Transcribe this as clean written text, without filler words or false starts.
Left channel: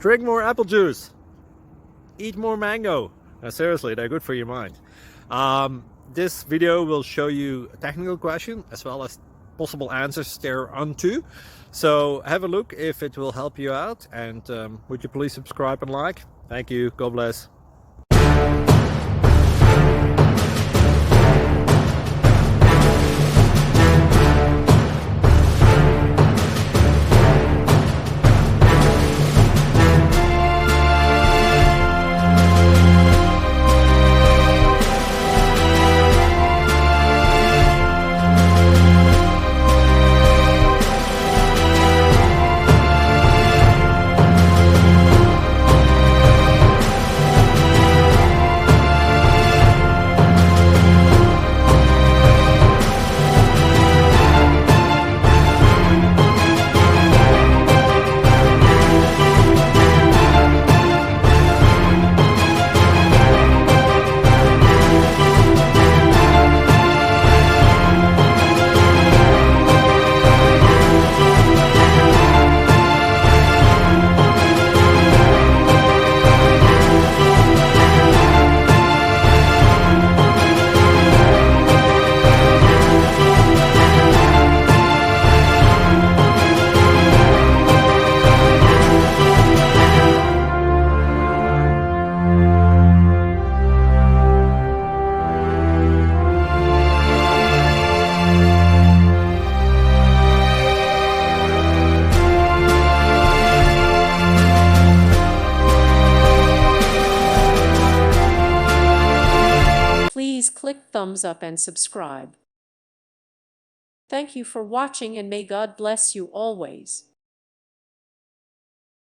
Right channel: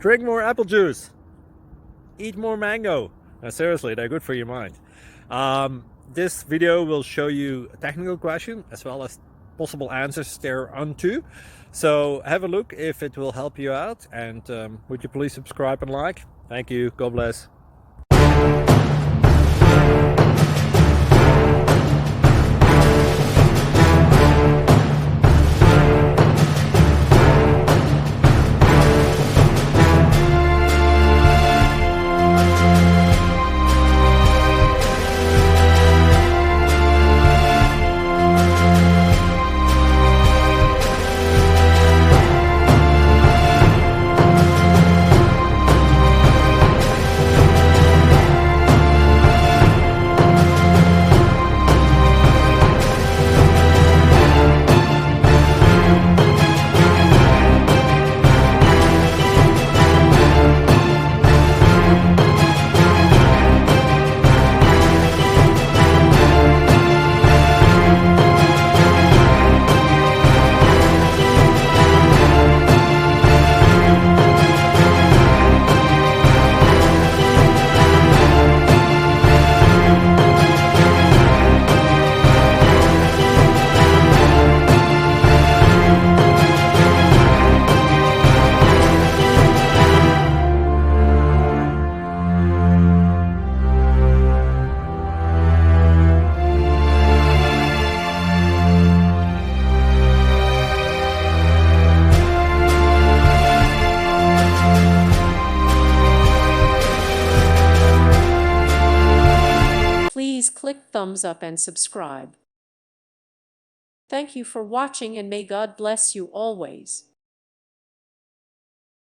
Drink more apple juice. Eat more mango. Seriously, they're good for your mind. This video will show you a technical question as well as possible answers thereunto. So have a look if it will help you out, and would you please subscribe and like? Thank you. God bless. Please click thumbs up and subscribe. Thank you for watching, and may God bless you always.